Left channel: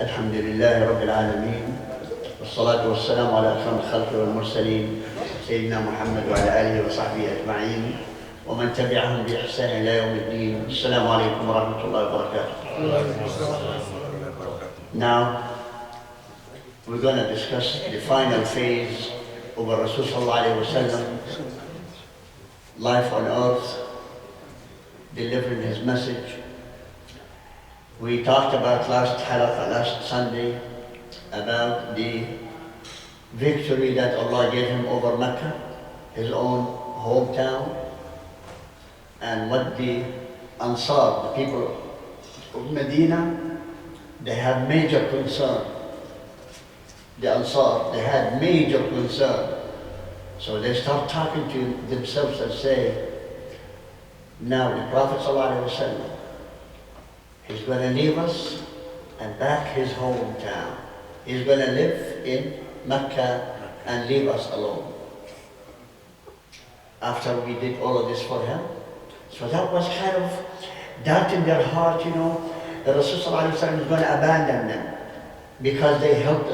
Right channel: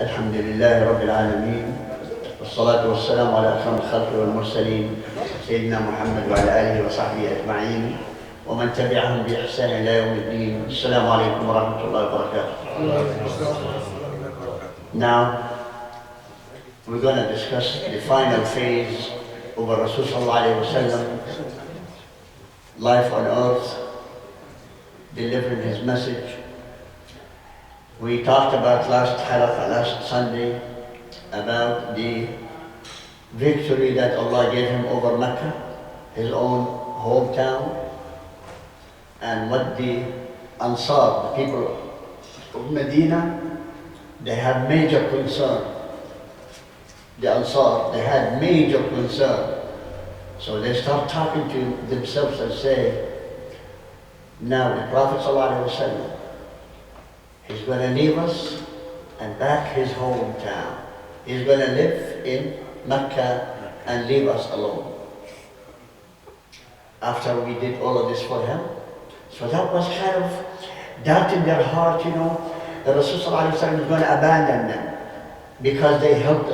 الحمد لله رب العالمين والصلاة والسلام على أكرم الخلق والمرسلين سيدنا محمد وعلى آله وصحبه أجمعين ومن تبعهم بإحسان إلى يوم الدين. السلام عليكم ورحمة الله وبركاته. Now we're going to discuss the final phase of Rasul sallallahu alayhi wa sallam, life on earth, delivering his message. We talked about last Halaka, last Sunday, about the victory that Allah gave him over Mecca, his own hometown, and what the Ansar, the people of Medina, they have major concern. The Ansar, they had major concern. So they start talking to themselves and say, now the Prophet ﷺ, he's going to leave us and back his hometown. He's going to live in Mecca and leave us alone. After we did all of this for him, so that was kind of doubt in their heart, you know, that Rasulullah ﷺ is going to abandon them because they helped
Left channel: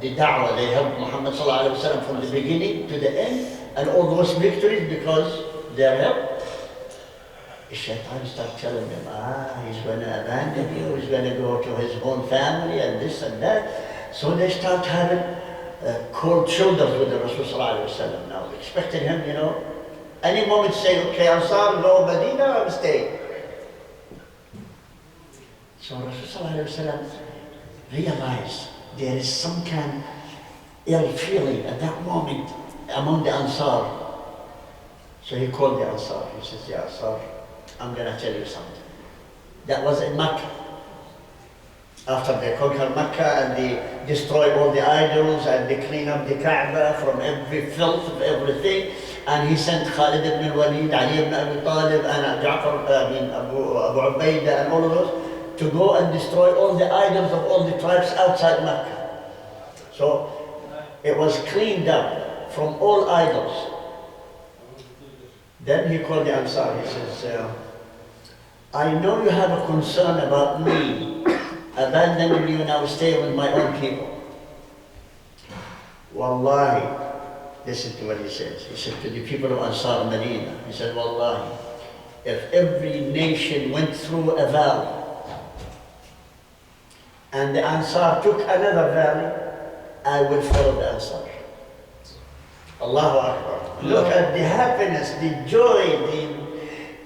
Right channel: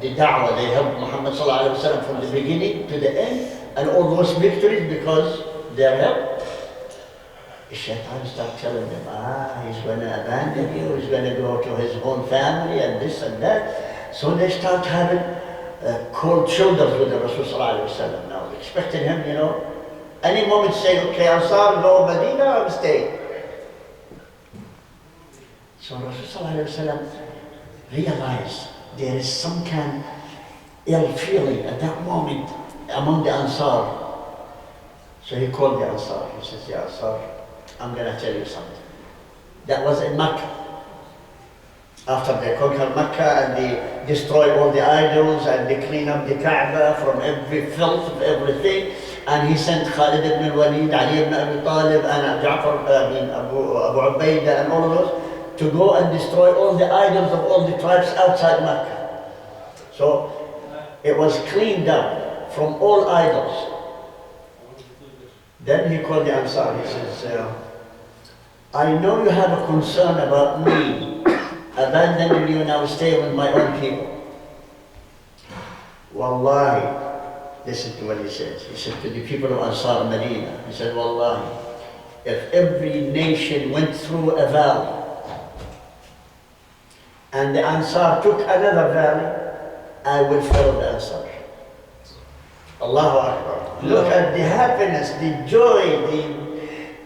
the da'wah, they helped Muhammad ﷺ from the beginning to the end, and all those victories because their help. The shaitan started telling them, he's going to abandon you, he's going to go to his own family and this and that. So they start having cold shoulders with the Rasul sallallahu alayhi wa sallam now, expecting him, you know, any moment say, okay, Ansar, go Medina, I'll stay. So Rasul sallallahu alayhi wa sallam realized there is some kind of ill feeling at that moment among the Ansar. So he called the Ansar, he says, yeah, Ansar, I'm going to tell you something. That was in Mecca. After they conquered Mecca and they destroyed all the idols and they cleaned up the Kaaba from every filth of everything, and he sent Khalid ibn al-Walid, Ali ibn Abi Talib, and Abu Ubaidah and all of those to go and destroy all the idols of all the tribes outside Mecca. So it was cleaned up from all idols. Then he called the Ansar, he says, I know you have a concern about me abandoning you and I will stay with my own people. Wallahi, listen to what he says. He said to the people of Ansar Medina, he said, Wallahi, if every nation went through a valley and the Ansar took another valley, I will follow the Ansar. Allahu Akbar. Look at the happiness, the joy,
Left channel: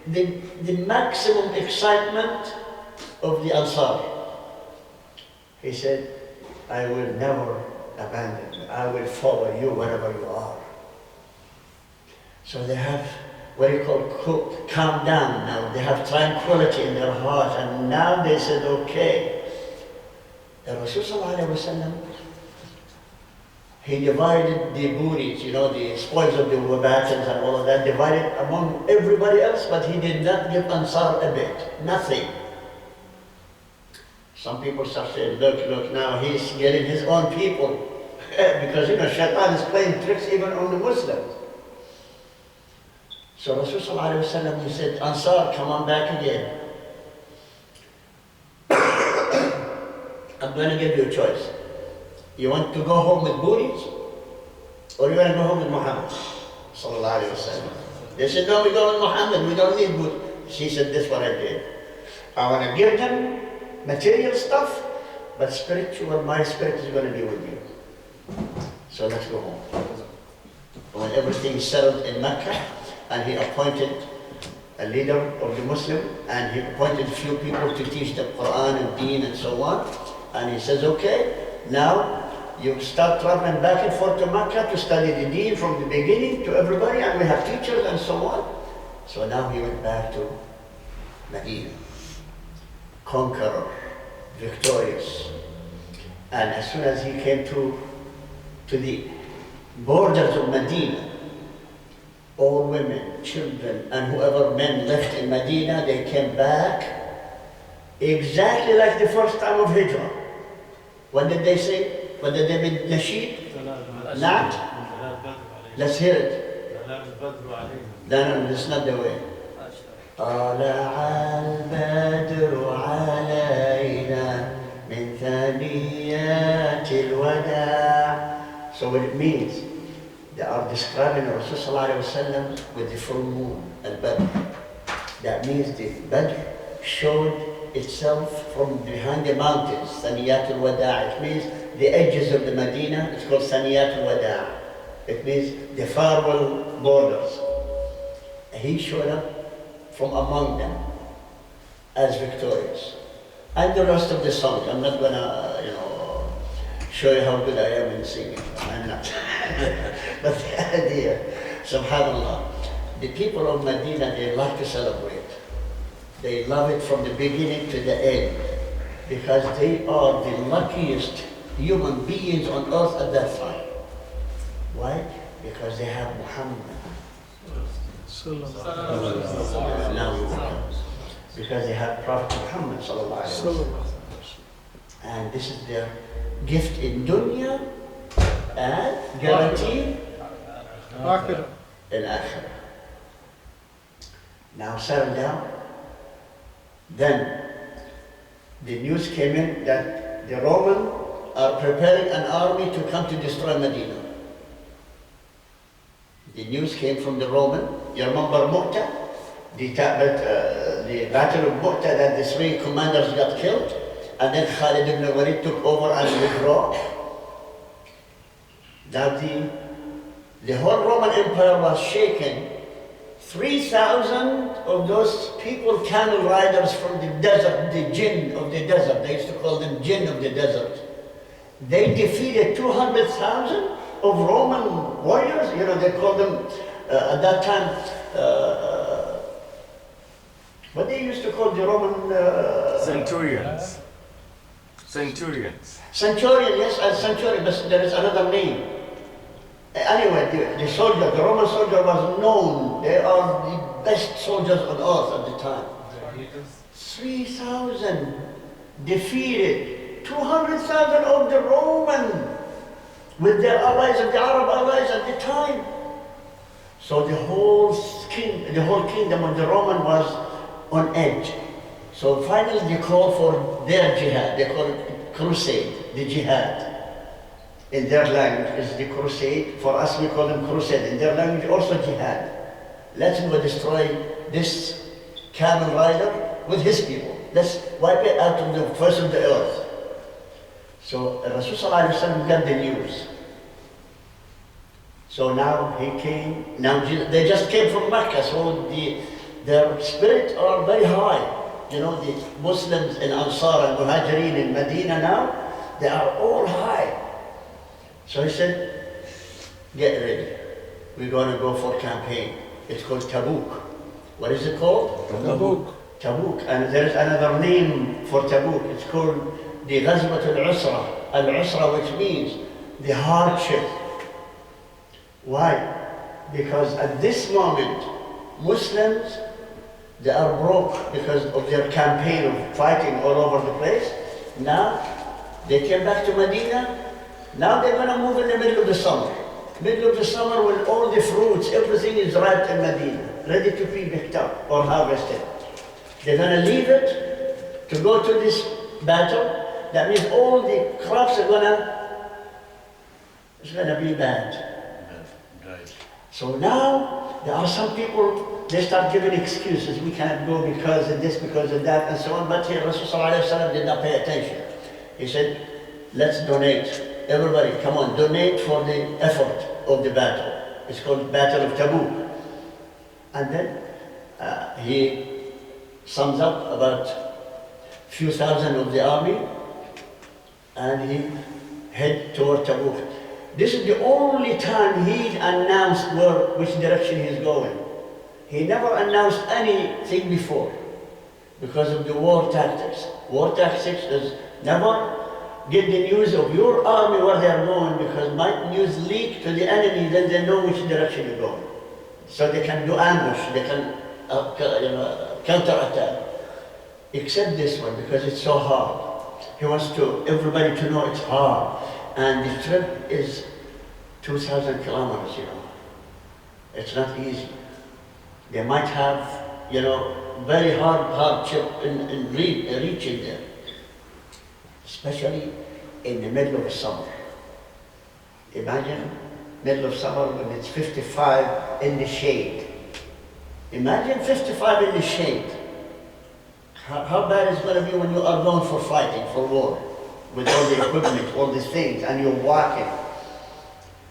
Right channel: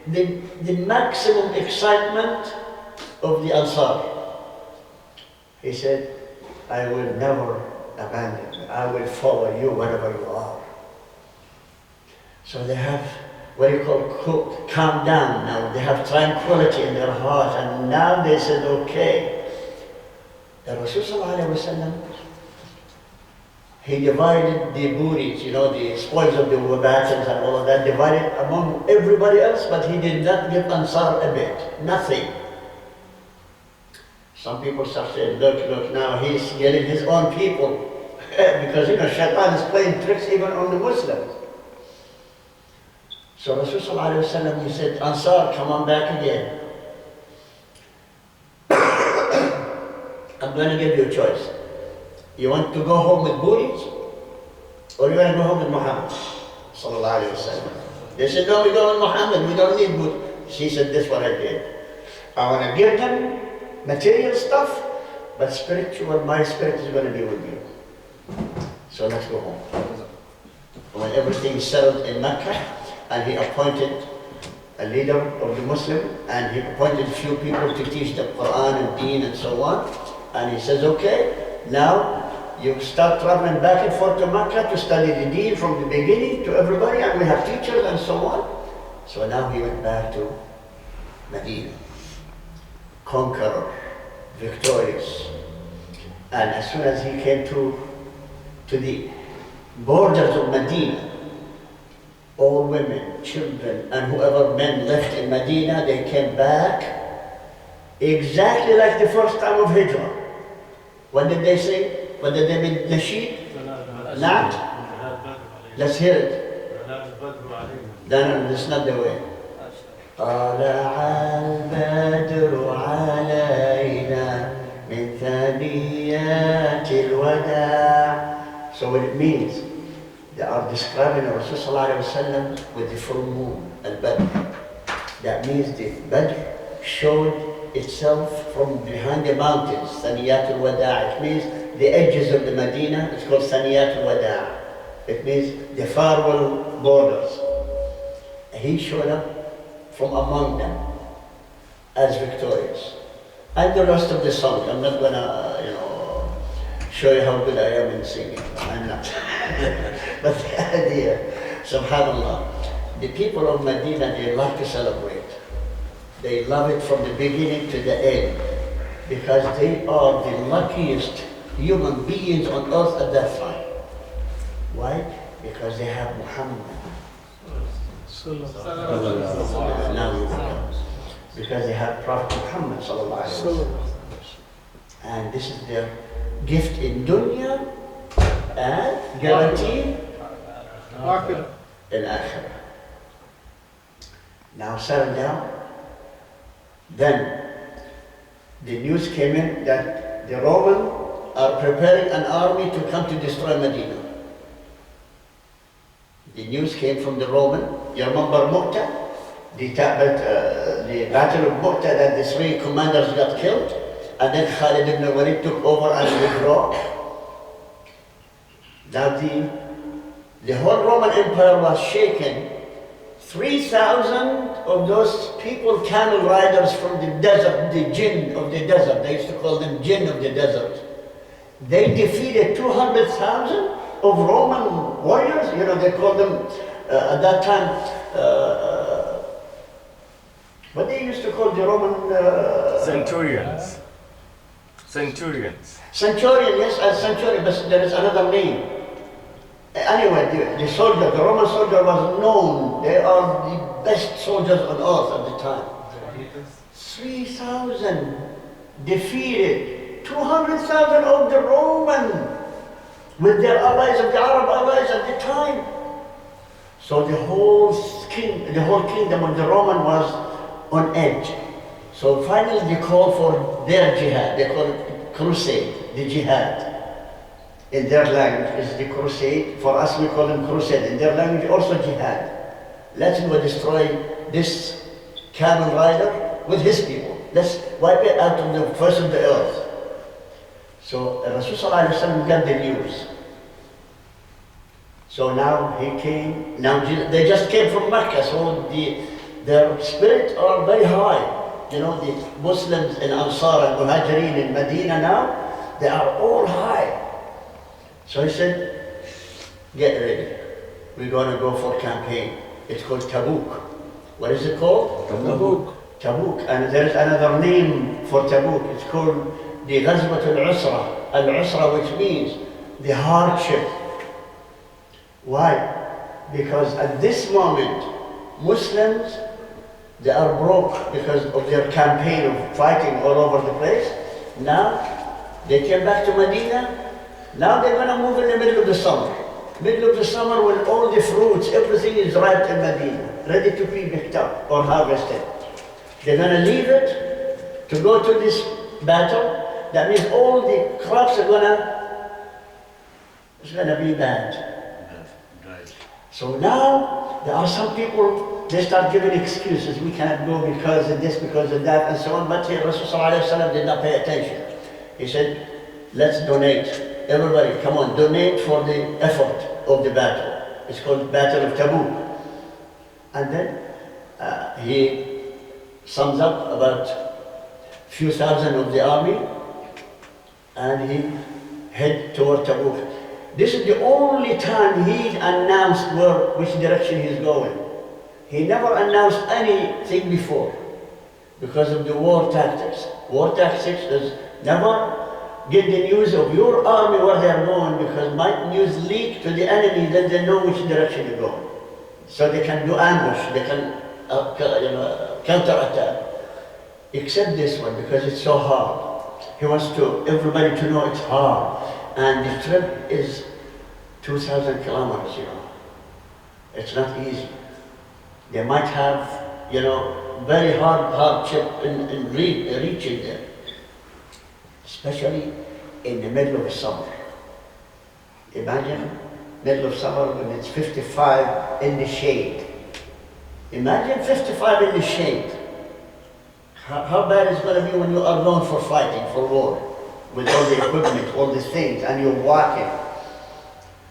the maximum excitement of the Ansar. He said, I will never abandon you. I will follow you wherever you are. So they have what you call calm down now. They have tranquility in their heart. And now they said, okay. The Rasul sallallahu alayhi wa sallam, he divided the booties, you know, the spoils of the battles and all of that, divided among everybody else, but he did not give Ansar a bit, nothing. Some people start saying, look, now he's getting his own people. Because, you know, Shaitan is playing tricks even on the Muslims. So Rasul sallallahu alayhi wa sallam, he said, Ansar, come on back again. I'm going to give you a choice. You want to go home with booties, or you want to go home with Muhammad sallallahu alayhi wa sallam? They said, no, we go with Muhammad, we don't need booties. She said, this is what I did. I want to give them material stuff, but spiritual, my spirit is going to be with you. So let's go home. When everything settled in Mecca, and he appointed a leader of the Muslim, and he appointed a few people to teach the Quran and Deen and so on, and he says, okay, now you start traveling back and forth to Mecca to study the Deen from the beginning to everybody, and we have teachers and so on. So now he went back to Medina, conqueror, victorious. And as soon as he came to the borders of Medina, all women, children, and whoever men left in Medina, they came back exactly like the first time of Hijrah. What did they say? What did they make nasheed? Not? Let's hear it. No, that's not the way. طلع البدر علينا من ثنيات ثنيات الوداع. So what it means, they are describing Rasulullah with the full moon, al-Badr. That means the Badr showed itself from behind the mountains, ثنيات الوداع. It means the edges of the Medina, it's called ثنيات الوداع. It means the farewell borders. He showed up from among them as victorious. And the rest of the song, I'm not gonna, show you how good I am in singing. I'm not. But the idea, subhanAllah, the people of Medina, they like to celebrate. They love it from the beginning to the end because they are the luckiest human beings on earth at that time. Why? Because they have Muhammad. Now we will come. Because they have Prophet Muhammed sallallahu alaihi wasallam. And this is their gift in dunya and guarantee in akhirah. Now settle down. Then the news came in that the Romans are preparing an army to come to destroy Medina. The news came from the Roman. You remember Mu'tah? The battle of Mu'tah, that the three commanders got killed, and then Khalid ibn Walid took over and withdraw. Now the whole Roman Empire was shaken. 3,000 of those people, camel riders from the desert, the jinn of the desert, they used to call them jinn of the desert. They defeated 200,000 of Roman warriors. They called them at that time, what they used to call the Roman... Centurions. Centurion, yes, a centurion, but there is another name. Anyway, the soldier, the Roman soldier was known. They are the best soldiers on earth at the time. 3,000 defeated 200,000 of the Roman with their allies of the Arab allies at the time. So the whole kingdom of the Roman was on edge. So finally they called for their jihad. They call it crusade, the jihad. In their language is the crusade. For us we call them crusade. In their language also jihad. Let's go destroy this camel rider with his people. Let's wipe it out of the face of the earth. So Rasulullah got the news. So now he came. Now they just came from Mecca, so their spirits are very high. The Muslims in Ansar and Muhajirin in Medina now, they are all high. So he said, get ready. We're going to go for campaign. It's called Tabuk. What is it called? Tabuk. And there's another name for Tabuk. It's called the Ghazwat al-Usra. Al-Usra, which means the hardship. Why? Because at this moment, Muslims, they are broke because of their campaign of fighting all over the place. Now, they came back to Medina. Now they're going to move in the middle of the summer. Middle of the summer when all the fruits, everything is ripe in Medina, ready to be picked up or harvested. They're going to leave it to go to this battle. That means all the crops are it's going to be bad. So now there are some people, they start giving excuses. We cannot go because of this, because of that, and so on. But here Rasulullah did not pay attention. He said, let's donate. Everybody, come on, donate for the effort of the battle. It's called Battle of Tabuk. And then he sums up about few thousand of the army, and he head toward Tabuk. This is the only time he announced which direction he's going. He never announced anything before because of the war tactics. War tactics is never get the news of your army where they are going, because might news leak to the enemy, then they know which direction you're going. So they can do ambush, they can counter-attack. Except this one, because it's so hard. He wants everybody to know it's hard. And the trip is 2,000 kilometers, It's not easy. They might have, very hardship in reaching there. especially in the middle of the summer. Imagine middle of summer when it's 55 in the shade. Imagine 55 in the shade. How bad it's going to be when you are known for fighting, for war, with all the equipment, all these things, and you're walking.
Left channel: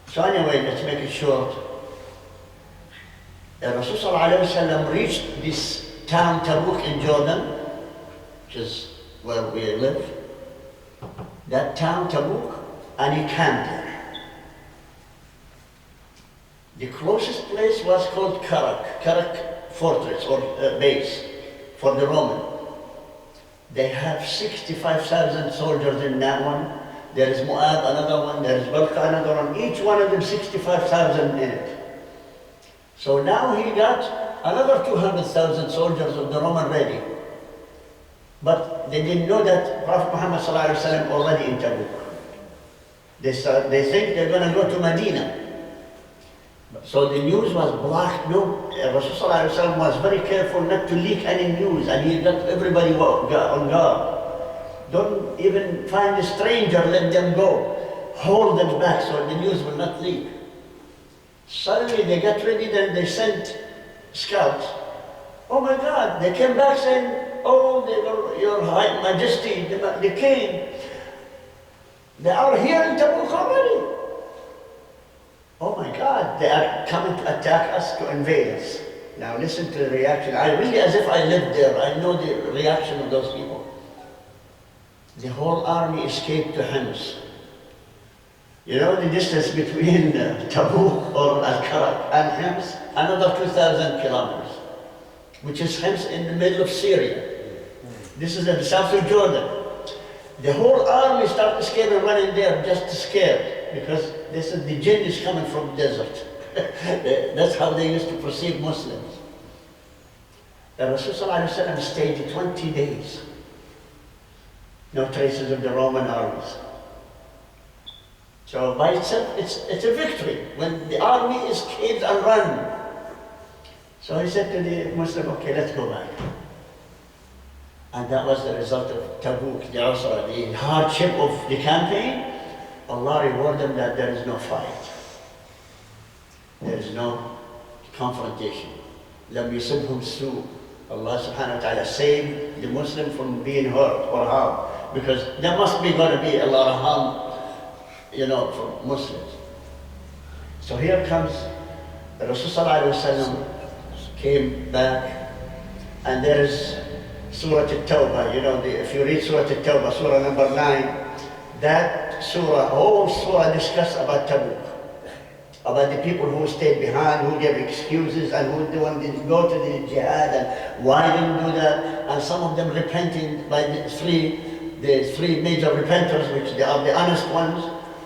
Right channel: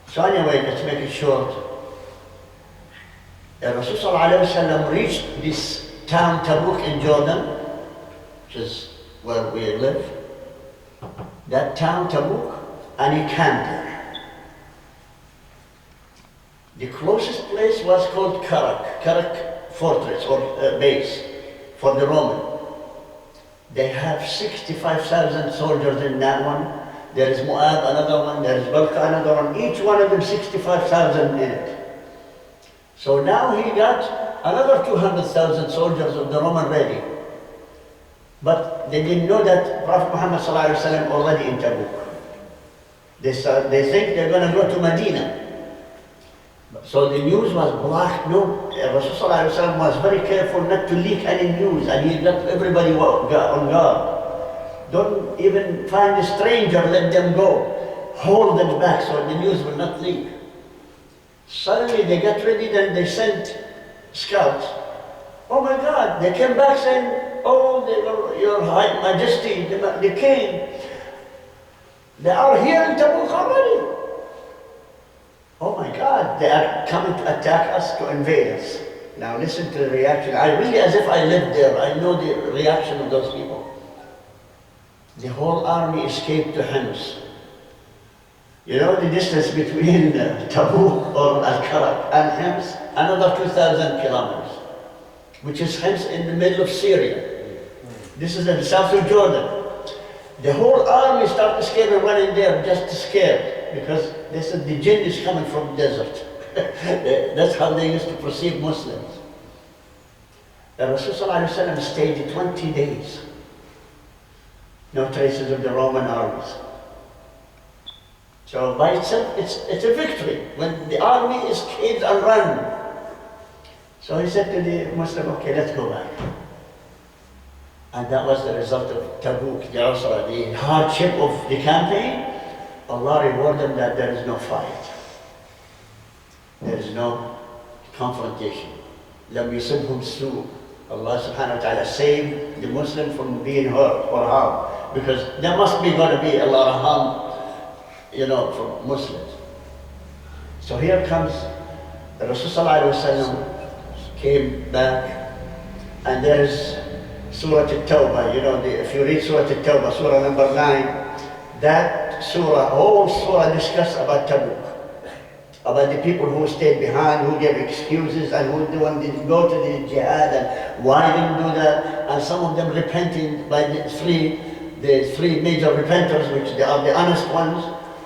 So anyway, let's make it short. Rasul sallallahu alayhi wa sallam reached this town Tabuk in Jordan, which is where we live. That town Tabuk, and he camped there. The closest place was called Karak fortress or base for the Roman. They have 65,000 soldiers in that one. There is Moab, another one. There is Balqa, another one. Each one of them 65,000 in it. So now he got another 200,000 soldiers of the Roman ready. But they didn't know that Prophet Muhammed ﷺ already in Tabuk. They think they're going to go to Medina. So the news was blocked. No, Rasul ﷺ was very careful not to leak any news, and he got everybody on guard. Don't even find a stranger, let them go. Hold them back so the news will not leak. Suddenly they got ready, then they sent scouts. Oh my God, they came back saying, oh, your High Majesty, the king, they are here in Tabuk already. Oh my God, they are coming to attack us, to invade us. Now listen to the reaction. I really, as if I lived there, I know the reaction of those people. The whole army escaped to Hims. You know the distance between Tabuk or Al-Karak and Hims? Another 2,000 kilometers, which is Hims in the middle of Syria. This is in the south of Jordan. The whole army started escaping, running there just scared, because they said the jinn is coming from the desert. That's how they used to perceive Muslims. The Rasul ﷺ stayed 20 days. No traces of the Roman armies. So by itself, it's a victory when the army escapes and run. So he said to the Muslim, okay, let's go back. And that was the result of Tabuk, the Usra, the hardship of the campaign. Allah rewarded them that there is no fight. There is no confrontation. لم يصبهم سوء. Allah subhanahu wa ta'ala saved the Muslim from being hurt or harmed, because there must be going to be a lot of harm, from Muslims. So here comes the Rasul sallallahu alaihi wasallam came back, and there is Surah At-Tawbah. If you read Surah At-Tawbah, Surah number 9, that surah, whole surah discussed about Tabuk, about the people who stayed behind, who gave excuses, and who didn't go to the jihad, and why didn't do that, and some of them repenting by the three major repenters, which they are the honest ones,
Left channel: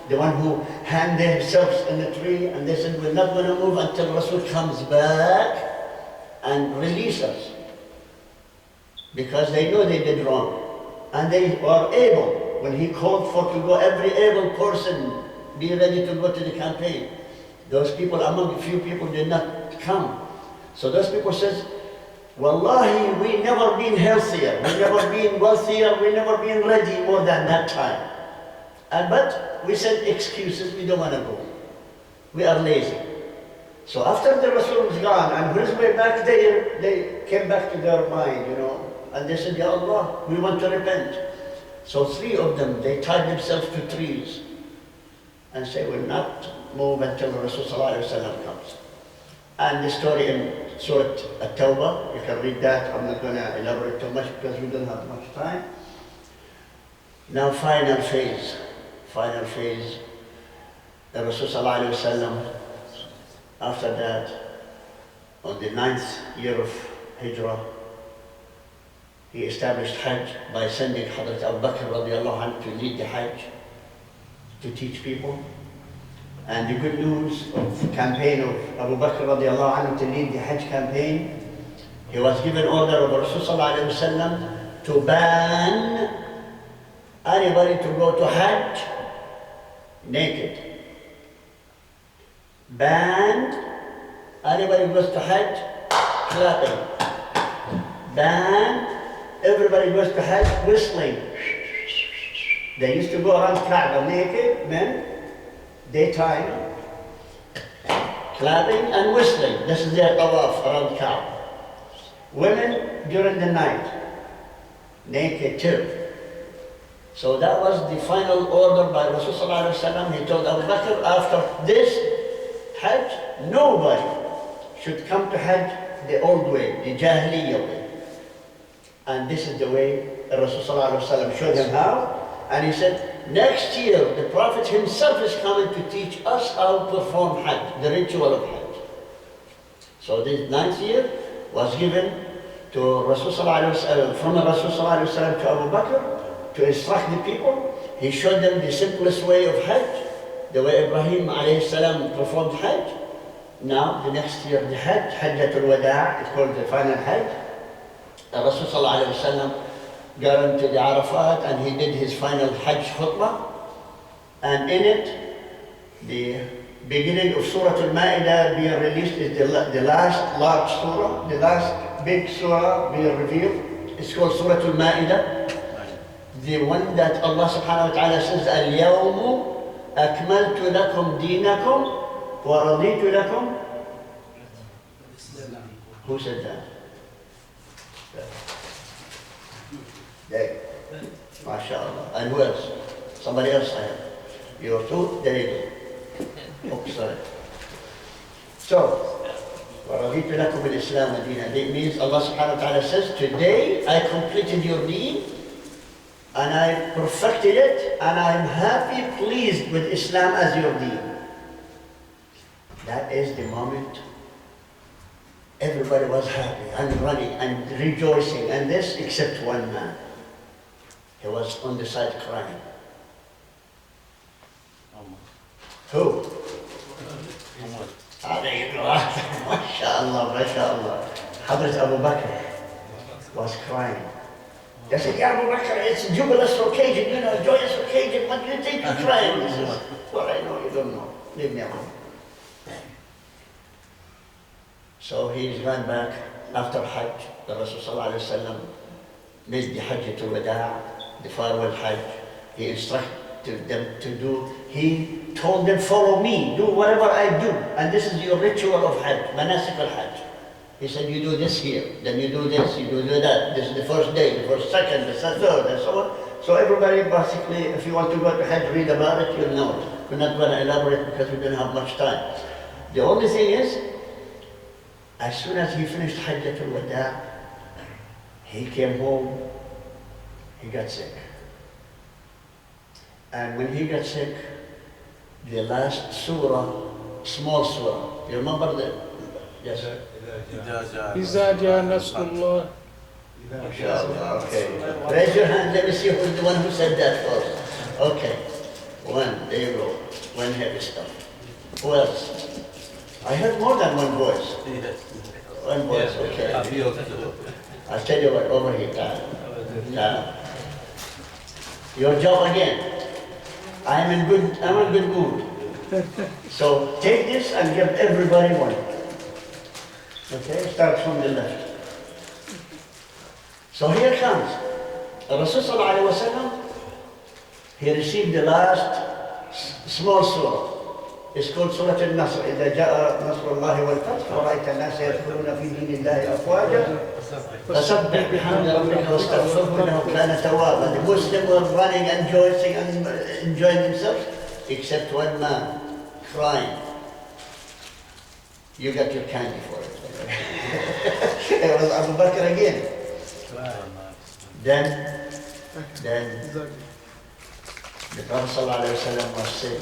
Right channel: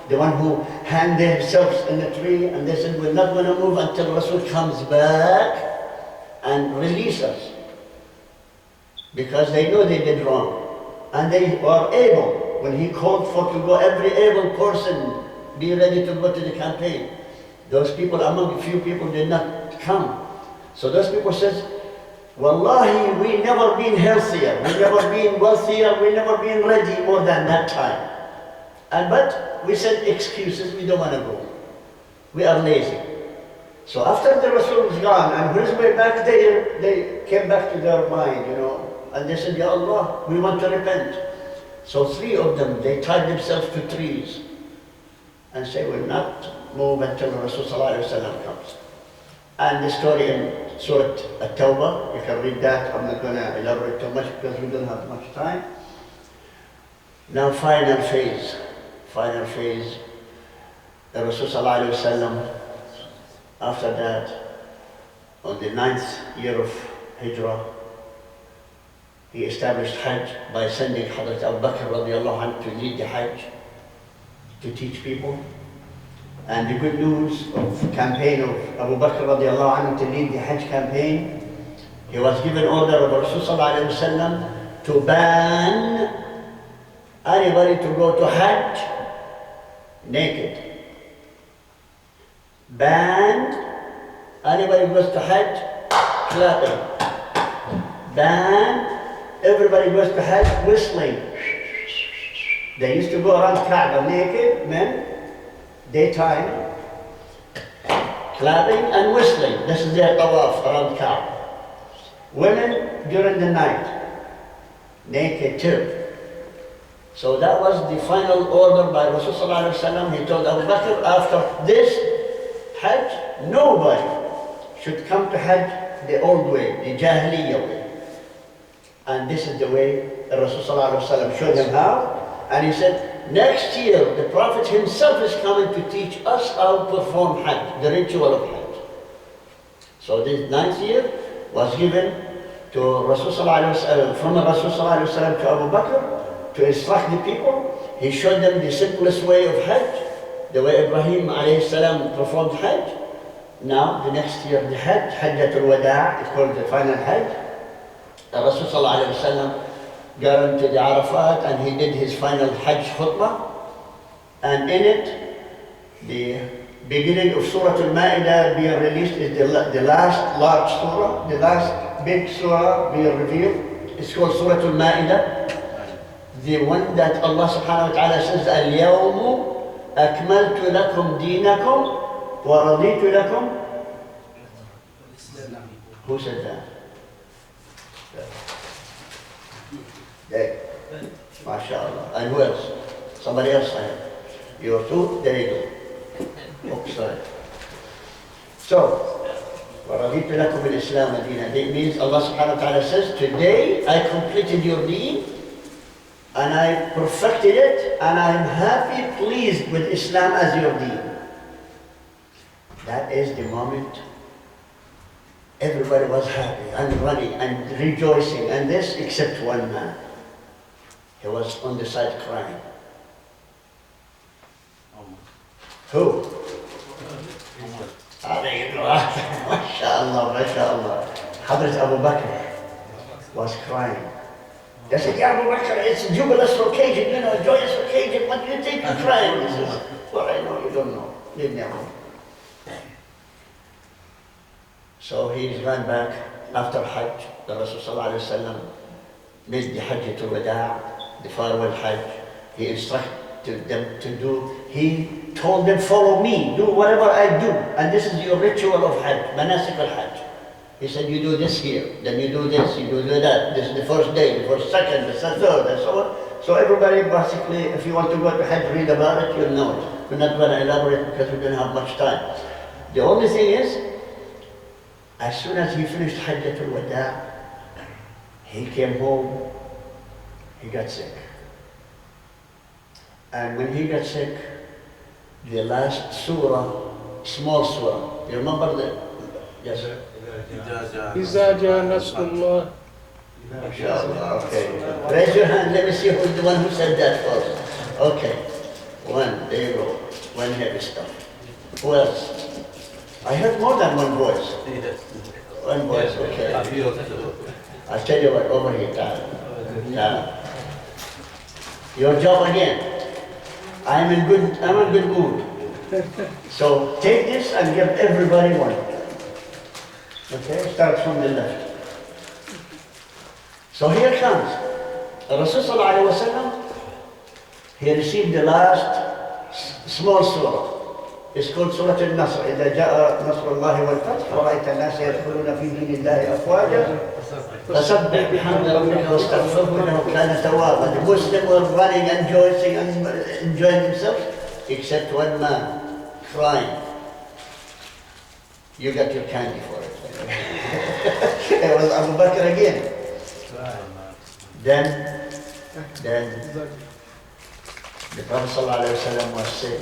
the one who hanged themselves in the tree, and they said, we're not going to move until Rasul comes back and release us. Because they know they did wrong. And they were able, when he called for to go, every able person be ready to go to the campaign. Those people, among a few people, did not come. So those people says, Wallahi, we never been healthier, we never been wealthier, we never been ready more than that time. But we said excuses, we don't want to go. We are lazy. So after the Rasul was gone, and on his way back, they came back to their mind, and they said, Ya Allah, we want to repent. So 3 of them, they tied themselves to trees and say, we'll not move until the Rasul ﷺ comes. And the story in Surah At-Tawbah, you can read that. I'm not going to elaborate too much because we don't have much time. Now final phase, the Rasul ﷺ, after that, on the 9th year of Hijrah, he established Hajj by sending Hadrat Abu Bakr radiallahu anhu to lead the Hajj, to teach people. And the good news of the campaign of Abu Bakr radiallahu anhu to lead the Hajj campaign, he was given order of Rasul sallallahu alayhi wa sallam to ban anybody to go to Hajj naked. Banned anybody who goes to Hajj clapping. Banned everybody goes to Hajj whistling. They used to go around Kaaba naked, men, daytime, clapping and whistling. This is their tawaf around Kaaba. Women during the night, naked too. So that was the final order by Rasulullah ﷺ. He told Abu Bakr, after this Hajj, nobody should come to Hajj the old way, the Jahiliyyah way. And this is the way Rasulullah ﷺ showed him how. And he said, next year the Prophet himself is coming to teach us how to perform Hajj, the ritual of Hajj. So this 9th year was given to Rasulullah from Rasulullah ﷺ to Abu Bakr to instruct the people. He showed them the simplest way of Hajj, the way Ibrahim alayhi salam performed Hajj. Now, the next year, the Hajj, Hajjatul Wada', it's called the final Hajj. The Rasulullah alayhi salam got into the Arafat and he did his final Hajj khutbah. And in it, the beginning of Surah Al-Ma'idah being released is the last large surah, the last big surah being revealed. It's called Surah Al-Ma'idah. The one that Allah subhanahu wa ta'ala says, Al-Yawmu akmaltu lakum deenakum wa raditu lakum. Who said that? There. MashaAllah. And who else? Somebody else I have. You two? There you go. Oh, sorry. So, وَرَضِيتُ لَكُمُ الْإِسْلَامَ دِينًا. That means Allah subhanahu wa ta'ala says, today I completed your deen and I perfected it and I am happy, pleased with Islam as your deen. That is the moment everybody was happy and running and rejoicing, and this except one man. He was on the side crying. Who? There you go. MashaAllah, MashaAllah. Hazrat Abu Bakr was crying. They said, Ya Abu Bakr, it's a jubilous occasion, you know, a joyous occasion. What do you think you're crying? He says, well, I know you don't know. Leave me alone. So he's gone back after Hajj. The Rasulullah made the Hajjatul Wada', the farewell Hajj. He instructed them to do. He told them, follow me, do whatever I do. And this is your ritual of Hajj, manasik al-Hajj. He said, you do this here, then you do this, you do that. This is the first day, the first second, the third, and so on. So everybody basically, if you want to go to Hajj, read about it, you'll know it. We're not going to elaborate because we don't have much time. The only thing is, as soon as he finished Hajjatul Wada', he came home, he got sick. And when he got sick, the last surah, small surah, you remember that? Yes, sir. إِذَا جَاءَ نَصْرُ اللَّهِ. MashaAllah, okay. Raise your hand, let me see who's the one who said that first. Okay. One, there you go. One heavy stuff. Who else? I heard more than one voice. One voice, okay. I'll tell you what, over here, Tal. Your job again. I'm in good mood. So take this and give everybody one. Okay, start from the left. So here comes. Rasulullah, he received the last small surah. It's called Surah Al-Nasr. إِذَا جَاءَ نَصْرُ اللَّهِ وَالْفَتْحُ وَرَأَيْتَ النَّاسَ يَدْخُلُونَ فِي دِينِ اللَّهِ أَفْوَاجًا فَسَبِّحْ بِحَمْدِ رَبِّكَ وَاسْتَغْفِرْهُ إِنَّهُ كَانَ تَوَّابًا. The Muslims were running and rejoicing and enjoying themselves, except one man crying. You got your candy for it. It was Abu Bakr again. Then the Prophet ﷺ was sick.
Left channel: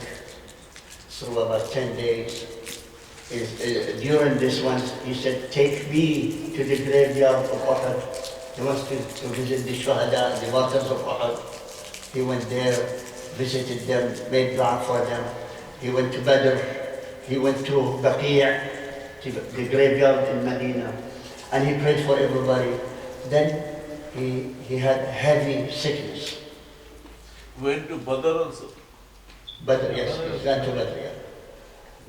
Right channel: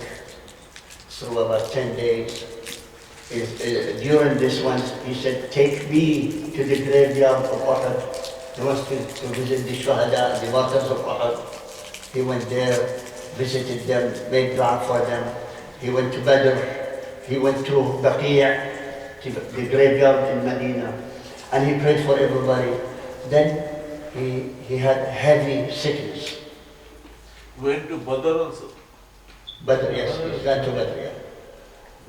So about 10 days. During this one, he said, take me to the graveyard of Uhud. He wants to visit the Shuhada, the martyrs of Uhud. He went there, visited them, made dua for them. He went to Badr. He went to Baqi', the graveyard in Medina. And he prayed for everybody. Then he had heavy sickness. Went to Badr also. Badr, yes, he got to Badr, yeah.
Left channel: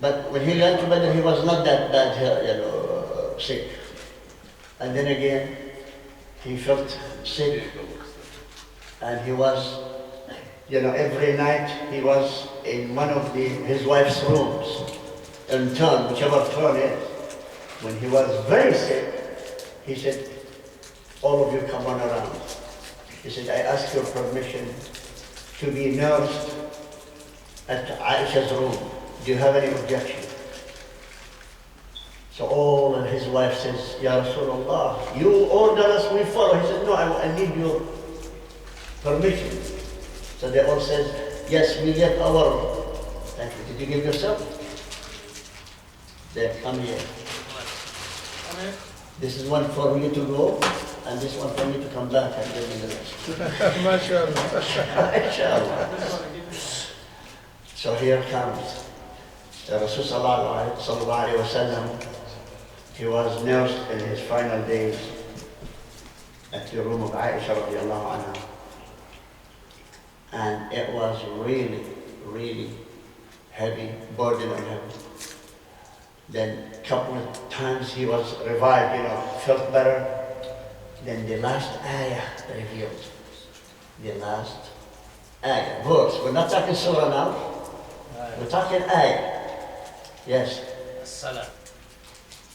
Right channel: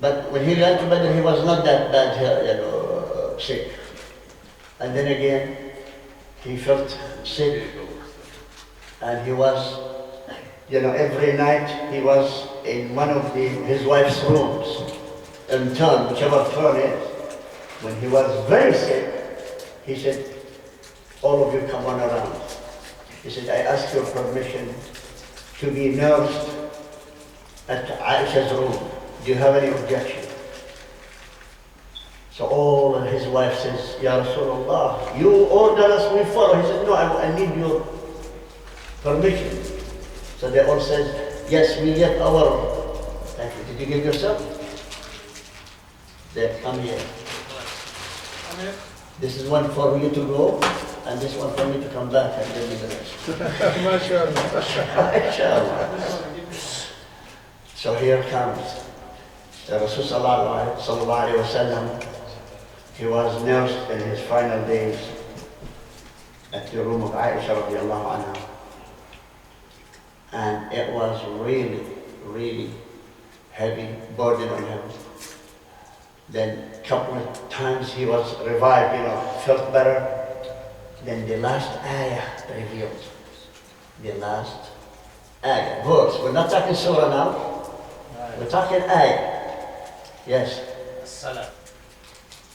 But when he got to Badr, he was not that bad, sick. And then again, he felt sick, and he was You know, every night he was in one of his wife's rooms, in turn, whichever turn is. When he was very sick, he said, all of you come on around. He said, I ask your permission to be nursed at Aisha's room. Do you have any objection? So all of his wife says, Ya Rasulullah, you order us, we follow. He said, no, I need your permission. So they all said, yes, we get our, thank you. Did you give yourself? There, come here. This is one for you to go, and this one for me to come back and give me the rest. MashaAllah. So here comes the Rasul sallallahu alayhi wa sallam. He was nursed in his final days at the room of Aisha radiallahu anha. And it was really, really heavy burden on him. Then a couple of times he was revived, you know, felt better. Then the last ayah revealed. The last ayah, verse. We're not talking surah now. We're talking ayah. Yes. As-Salah.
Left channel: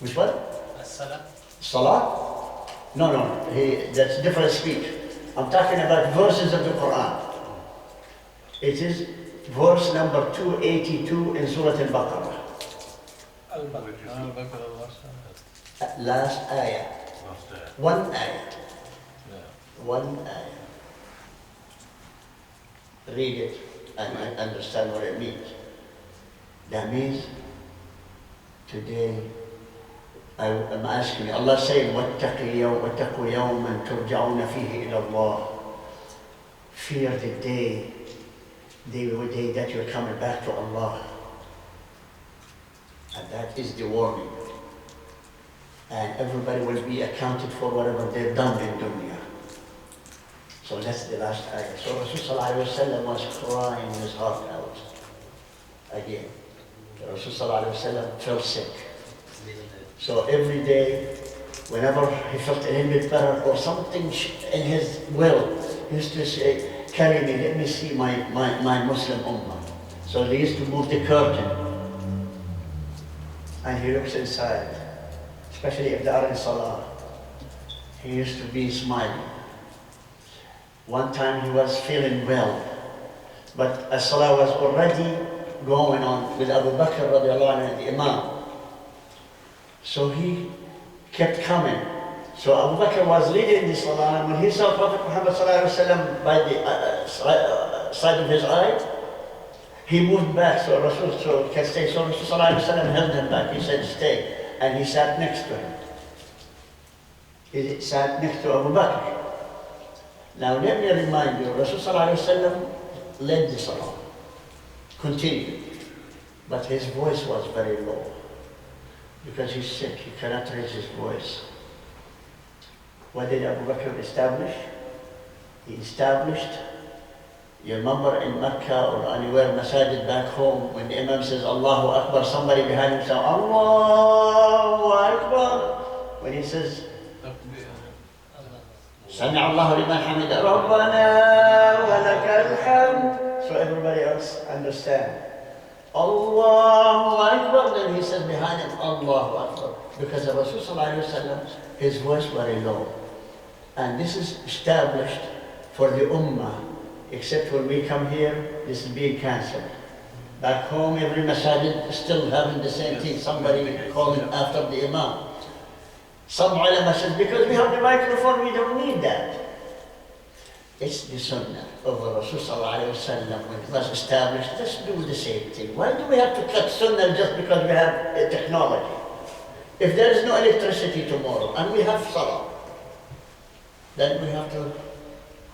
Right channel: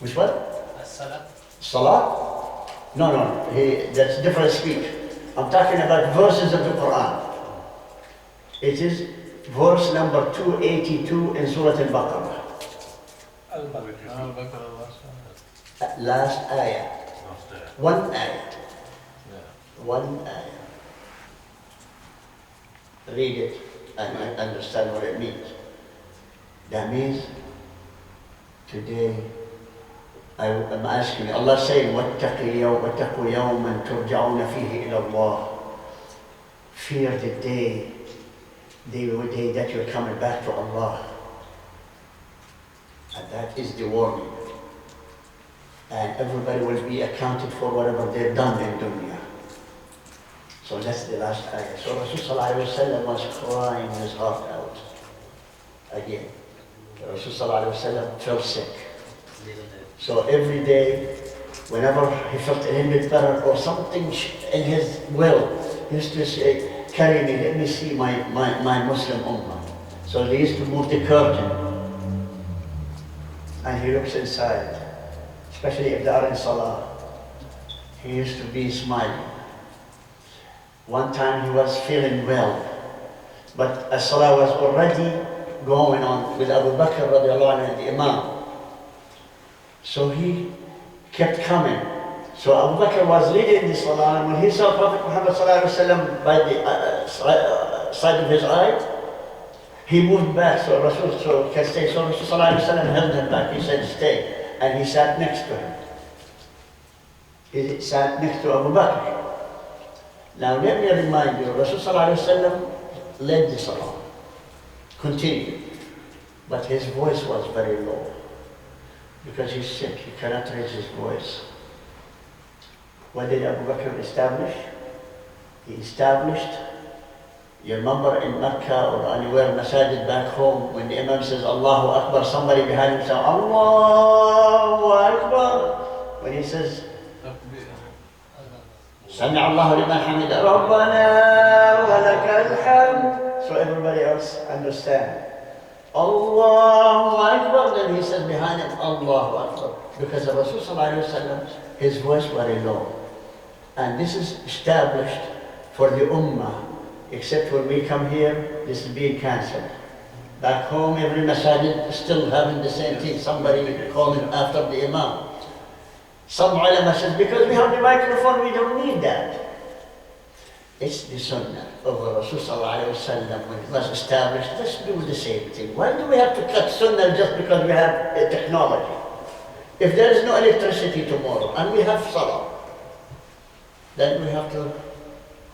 Which one? As-Salah. Salah? No. That's different speech. I'm talking about verses of the Quran. It is verse number 282 in Surah Al-Baqarah. Last ayah. One ayah. One ayah. Read it and understand what it means. That means today I'm asking you, Allah saying, وَاتَّقُوا يَوْمًا تُرْجَعُونَ فِيهِ إِلَى اللَّهِ. Fear the day that you're coming back to Allah. And that is the warning. And everybody will be accounted for whatever they've done in dunya. So that's the last ayah. So Rasul sallallahu alayhi wa sallam was crying his heart out. Again, Rasul sallallahu alayhi wa sallam felt sick. So every day, whenever he felt a little bit better or something in his will, he used to say, carry me, let me see my Muslim ummah. So they used to move the curtain. And he looks inside, especially if they are in salah. He used to be smiling. One time he was feeling well, but as salah was already going on with Abu Bakr radiallahu anhu, the Imam. So he kept coming. So Abu Bakr was leading the salah, and when he saw Prophet Muhammed sallallahu alaihi wasallam by the side of his eye, he moved back. So Rasul can stay. So Rasul sallallahu alaihi wasallam held him back. He said, stay. And he sat next to him. He sat next to Abu Bakr. Now let me remind you, Rasul sallallahu alaihi wasallam led the salah, continued, but his voice was very low because he's sick. He cannot raise his voice. What did Abu Bakr establish? He established, you remember in Mecca or anywhere, Masjid back home, when the Imam says Allahu Akbar, somebody behind him says Allahu Akbar. When he says Sami Allahu liman hamida, Rabbana wa lakal hamd. So everybody else understand. Allahu Akbar, then he says behind him Allahu Akbar. Because of Rasul sallallahu alayhi wa sallam, his voice very low. And this is established for the ummah, except when we come here, this is being cancelled. Back home, every masajid is still having the same thing, somebody calling after the imam. Some ulama says, because we have the microphone, we don't need that. It's the sunnah of Rasul sallallahu alayhi wa sallam. When it was established, let's do the same thing. Why do we have to cut sunnah just because we have technology? If there is no electricity tomorrow, and we have salah, then we have to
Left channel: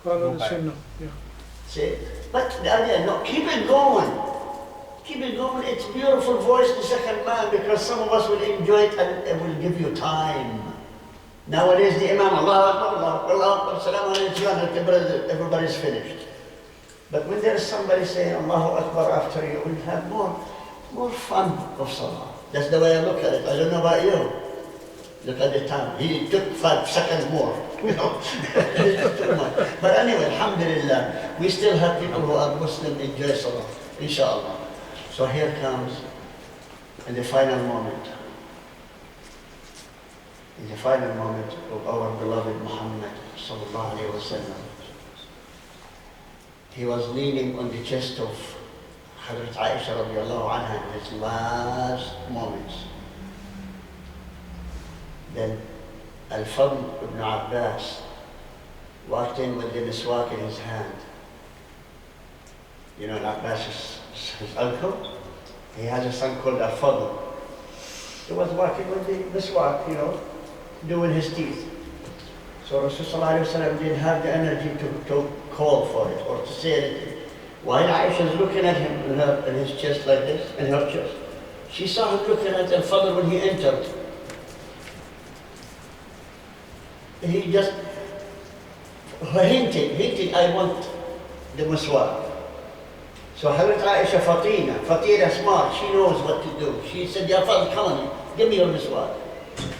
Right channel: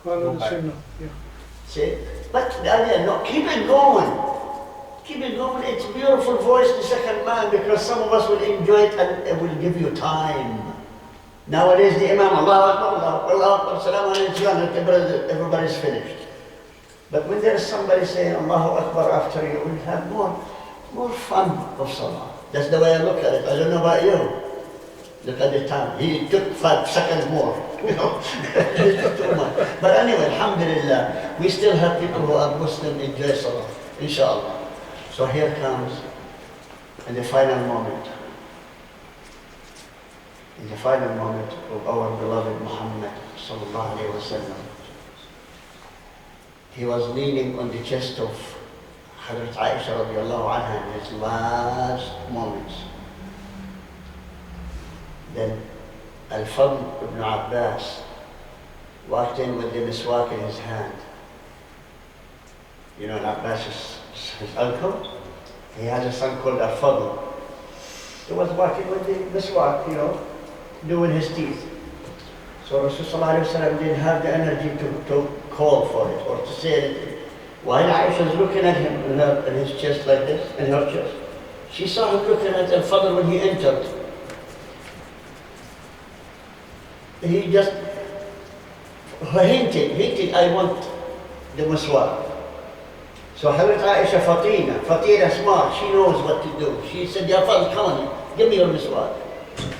Follow the sunnah. Yeah. see. But the idea, no, keep it going. Keep it going. It's beautiful voice, the second man, because some of us will enjoy it and it will give you time. Nowadays, the Imam, Allahu Akbar, Allahu Akbar, Salaam alayhi, everybody's finished. But when there is somebody saying Allahu Akbar after you, we'll have more fun of salah. That's the way I look at it. I don't know about you. Look at the time. He took 5 seconds more, you know. He took too much. But anyway, alhamdulillah, we still have people who are Muslim enjoy Salah, inshallah. So here comes in the final moment. In the final moment of our beloved Muhammad sallallahu alayhi wa sallam. He was leaning on the chest of Hazrat Aisha radiallahu anha in his last moments. Then Al-Fadl ibn Abbas walked in with the miswak in his hand. You know, Abbas is his uncle. He has a son called Al-Fadl. He was walking with the miswak, you know, doing his teeth. So Rasulullah didn't have the energy to call for it or to say anything. While Aisha is looking at him in his chest like this, in her chest, she saw him looking at Al-Fadl when he entered. He just hinted, I want the miswak. So Hazrat Aisha Fatina smart, she knows what to do. She said, Ya Fadl, come on, give me your miswak.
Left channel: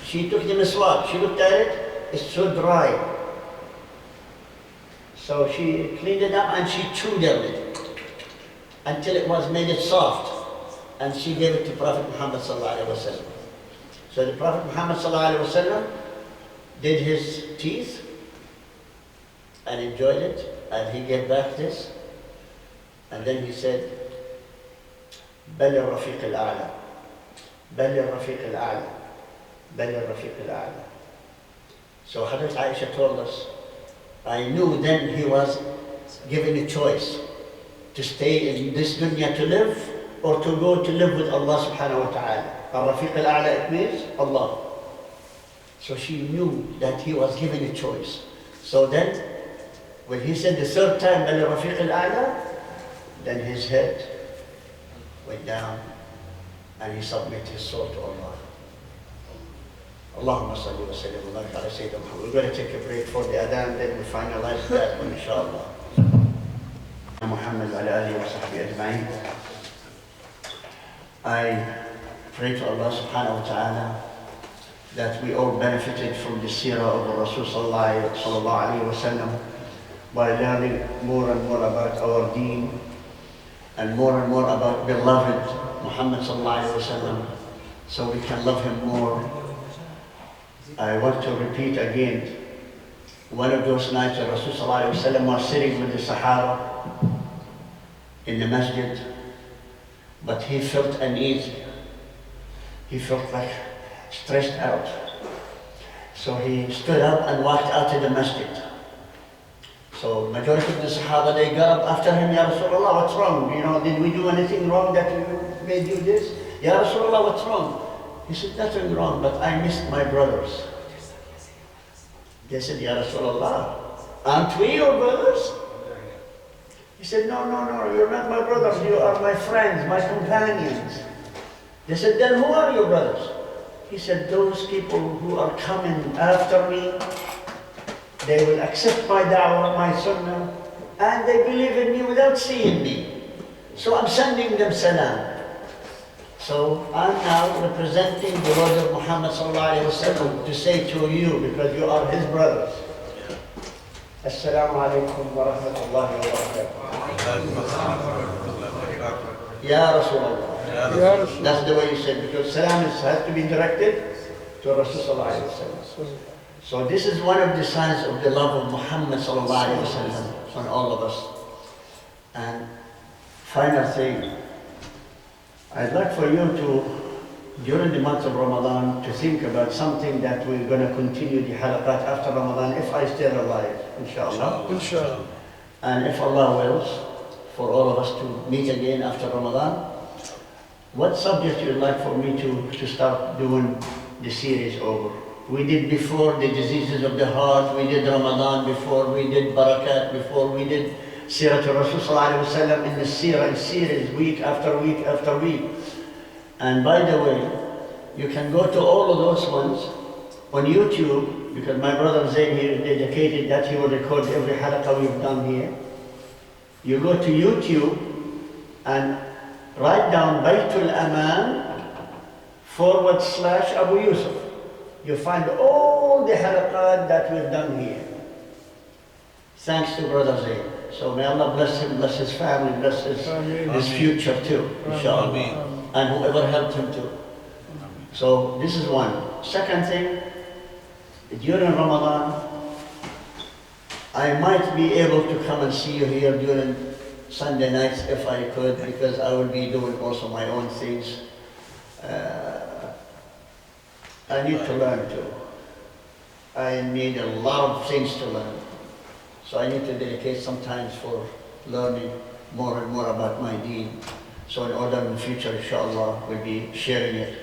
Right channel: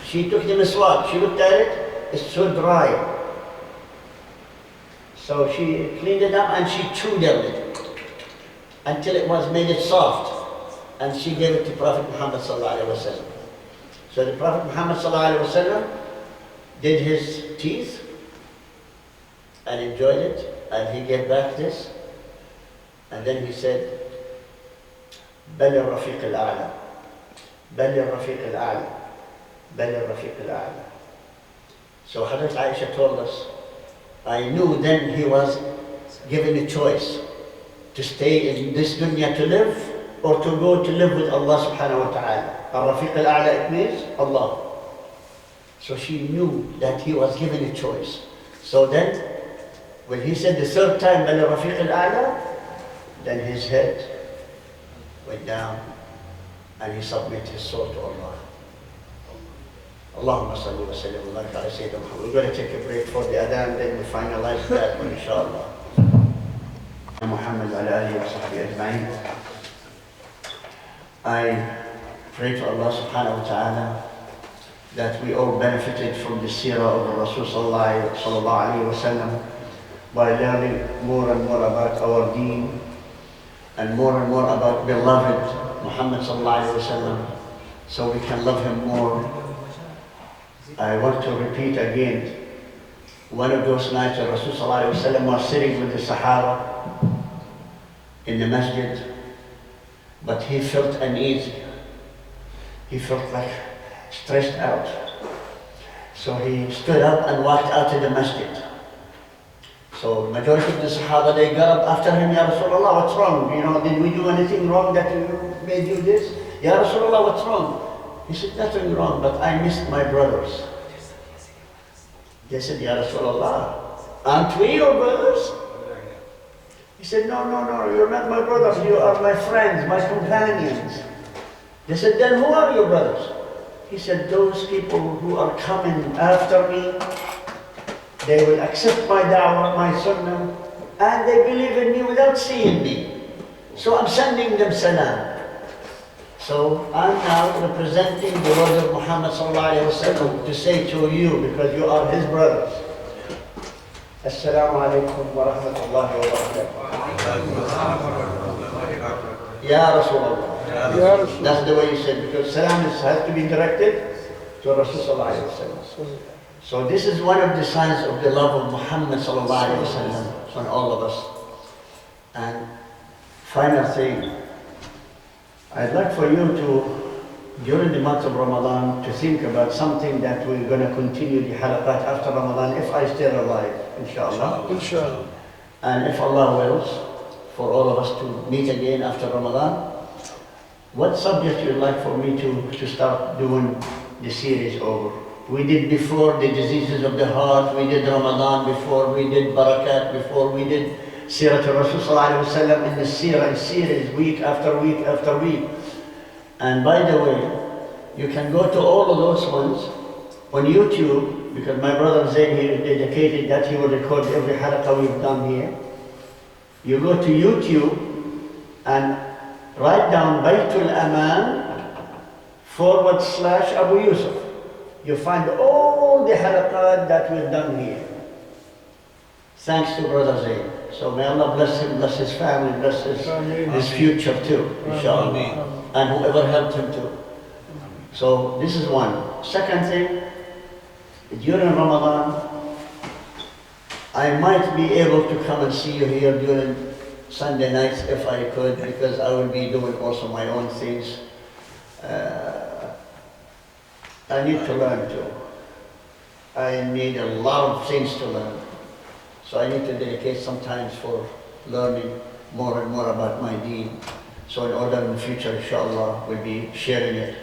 She took the miswak, she looked at it, it's so dry. So she cleaned it up and she chewed on it until it was made it soft. And she gave it to Prophet Muhammed sallallahu alaihi wasallam. So the Prophet Muhammad sallallahu alaihi wasallam did his teeth and enjoyed it, and he gave back this, and then he said, بل الرفيق الأعلى بل الرفيق الأعلى بل الرفيق الأعلى. So Hazrat Aisha told us, I knew then he was given a choice to stay in this dunya to live or to go to live with Allah subhanahu wa ta'ala. Al-Rafiq al-A'la, it means Allah. So she knew that he was given a choice. So then, when he said the third time, Al-Rafiq al-A'la, then his head went down and he submitted his soul to Allah. Allahumma salli wa sallim wa barik ala Sayyidina Muhammad. We're going to take a break for the adhan, then we finalize that one, inshallah. Muhammad wa ala alihi wa sahbihi ajma'in. I pray to Allah subhanahu wa ta'ala that we all benefited from the Seerah of the Rasul sallallahu alayhi wa sallam by learning more and more about our deen and more about beloved Muhammad sallallahu alayhi wa sallam, so we can love him more. I want to repeat again, one of those nights that Rasul sallallahu alayhi wa sallam was sitting with the Sahaba in the masjid, but he felt uneasy. He felt like stressed out. So he stood up and walked out of the masjid. So the majority of the Sahaba, they got up after him, Ya Rasulullah, what's wrong? You know, did we do anything wrong that made you this? Ya Rasulullah, what's wrong? He said, nothing wrong, but I missed my brothers. They said, Ya Rasulullah, aren't we your brothers? He said, no, you're not my brothers, you are my friends, my companions. They said, then who are your brothers? He said, those people who are coming after me, they will accept my da'wah, my sunnah, and they believe in me without seeing me. So I'm sending them salam. So I'm now representing the words of Muhammad sallallahu alayhi wa sallam to say to you, because you are his brothers. As-salamu alaykum wa rahmatullahi wa barakatuh. Ya Rasulullah. That's the way you said, because salam has to be directed to Rasul sallallahu alayhi wa sallam. So this is one of the signs of the love of Muhammad sallallahu alayhi wa sallam on all of us. And final thing, I'd like for you to, during the month of Ramadan, to think about something that we're going to continue the halaqat after Ramadan, if I stay alive, inshallah. Inshallah. And if Allah wills, for all of us to meet again after Ramadan, what subject you'd like for me to start doing the series over? We did before the diseases of the heart, we did Ramadan before, we did Barakat before, we did Seerah Rasul sallallahu alayhi wa sallam in the Seerah series, week after week after week. And by the way, you can go to all of those ones on YouTube, because my brother Zayn here dedicated that he will record every halaqah we've done here. You go to YouTube and write down Baitul Aman / Abu Yusuf. you find all the halaqat that we've done here. Thanks to Brother Zayn. So may Allah bless him, bless his family, bless his future too, inshallah. And whoever helped him too. So this is one. Second thing, during Ramadan, I might be able to come and see you here during Sunday nights if I could, because I will be doing also my own things. I need to learn too. I need a lot of things to learn. So I need to dedicate some time for learning more and more about my deen. So in order in the future, inshallah, we'll be sharing it.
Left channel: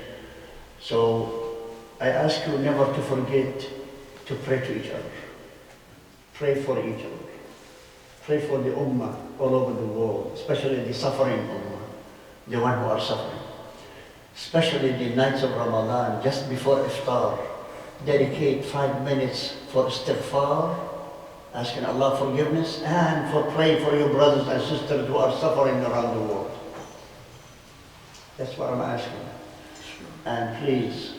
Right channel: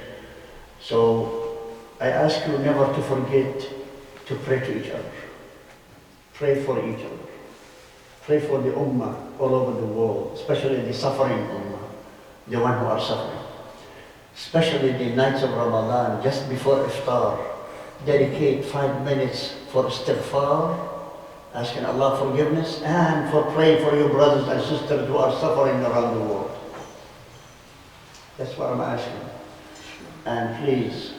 So I ask you never to forget to pray to each other. Pray for each other. Pray for the ummah all over the world, especially the suffering ummah, the one who are suffering. Especially the nights of Ramadan, just before iftar, dedicate 5 minutes for istighfar, asking Allah forgiveness, and for praying for your brothers and sisters who are suffering around the world. That's what I'm asking. And please,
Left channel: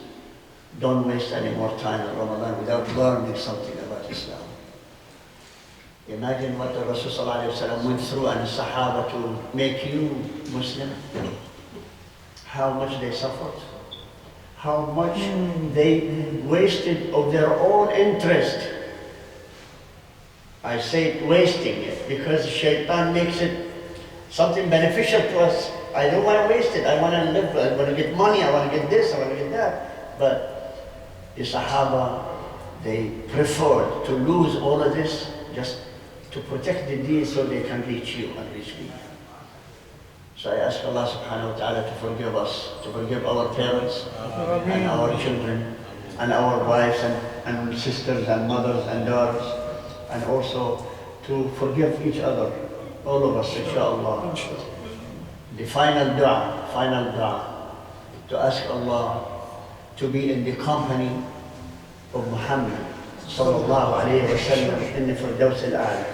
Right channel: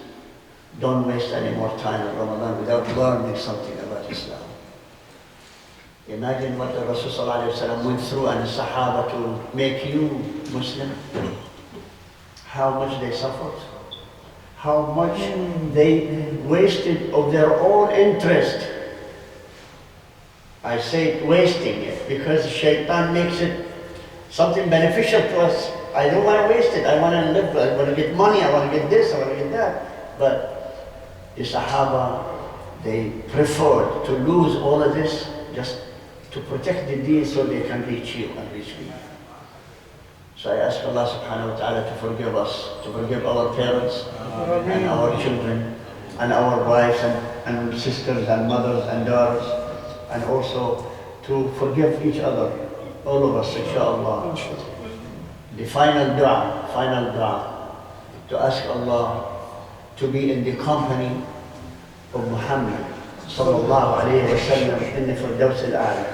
don't waste any more time in Ramadan without learning something about Islam. Imagine what the Rasul ﷺ went through and the Sahaba to make you Muslim. How much they suffered. How much they wasted of their own interest. I say wasting it because shaitan makes it something beneficial to us. I don't want to waste it. I want to live, I want to get money, I want to get this, I want to get that. But the Sahaba, they preferred to lose all of this just to protect the deen so they can reach you and reach me. So I ask Allah subhanahu wa ta'ala to forgive us, to forgive our parents and our children and our wives and sisters and mothers and daughters, and also to forgive each other, all of us, inshallah. The final dua, to ask Allah to be in the company of Muhammad sallallahu alayhi wa sallam in the Firdaus al-A'la.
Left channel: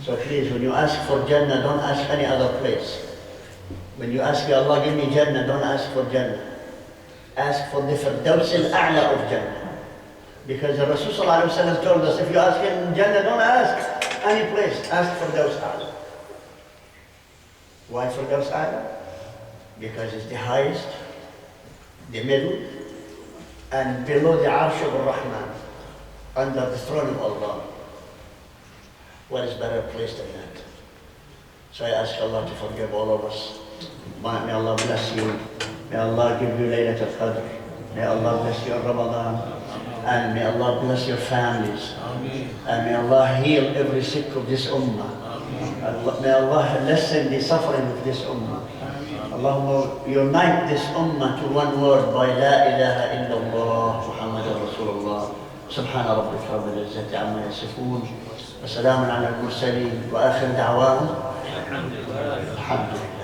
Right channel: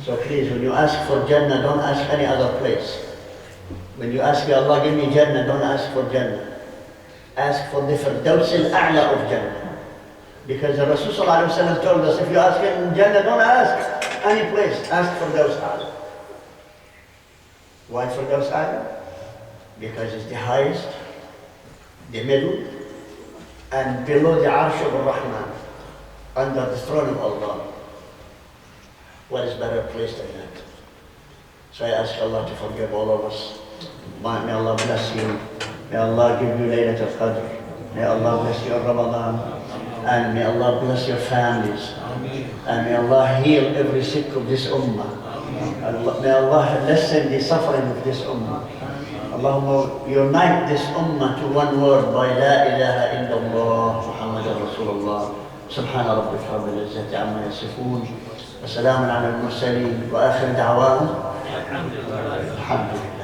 So please, when you ask for Jannah, don't ask any other place. When you ask, Ya Allah, give me Jannah, don't ask for Jannah. Ask for the Firdaus al-A'la of Jannah. Because the Rasul sallallahu alayhi wa sallam told us, if you ask in Jannah, don't ask any place, ask for Firdaus al-A'la. Why Firdaus al-A'la? Because it's the highest, the middle, and below the Arsh of Ar-Rahman, under the throne of Allah. What is better place than that? So I ask Allah to forgive all of us. May Allah bless you. May Allah give you Laylatul Qadr. May Allah bless you in Ramadan. And may Allah bless your families. And may Allah heal every sick of this ummah. May Allah lessen the suffering of this ummah. Allahumma unite this ummah to one word by La ilaha illallah Muhammadur Rasulullah. سبحان ربك رب العزة عما يصفون وسلام على المرسلين وآخر دعواهم الحمد لله.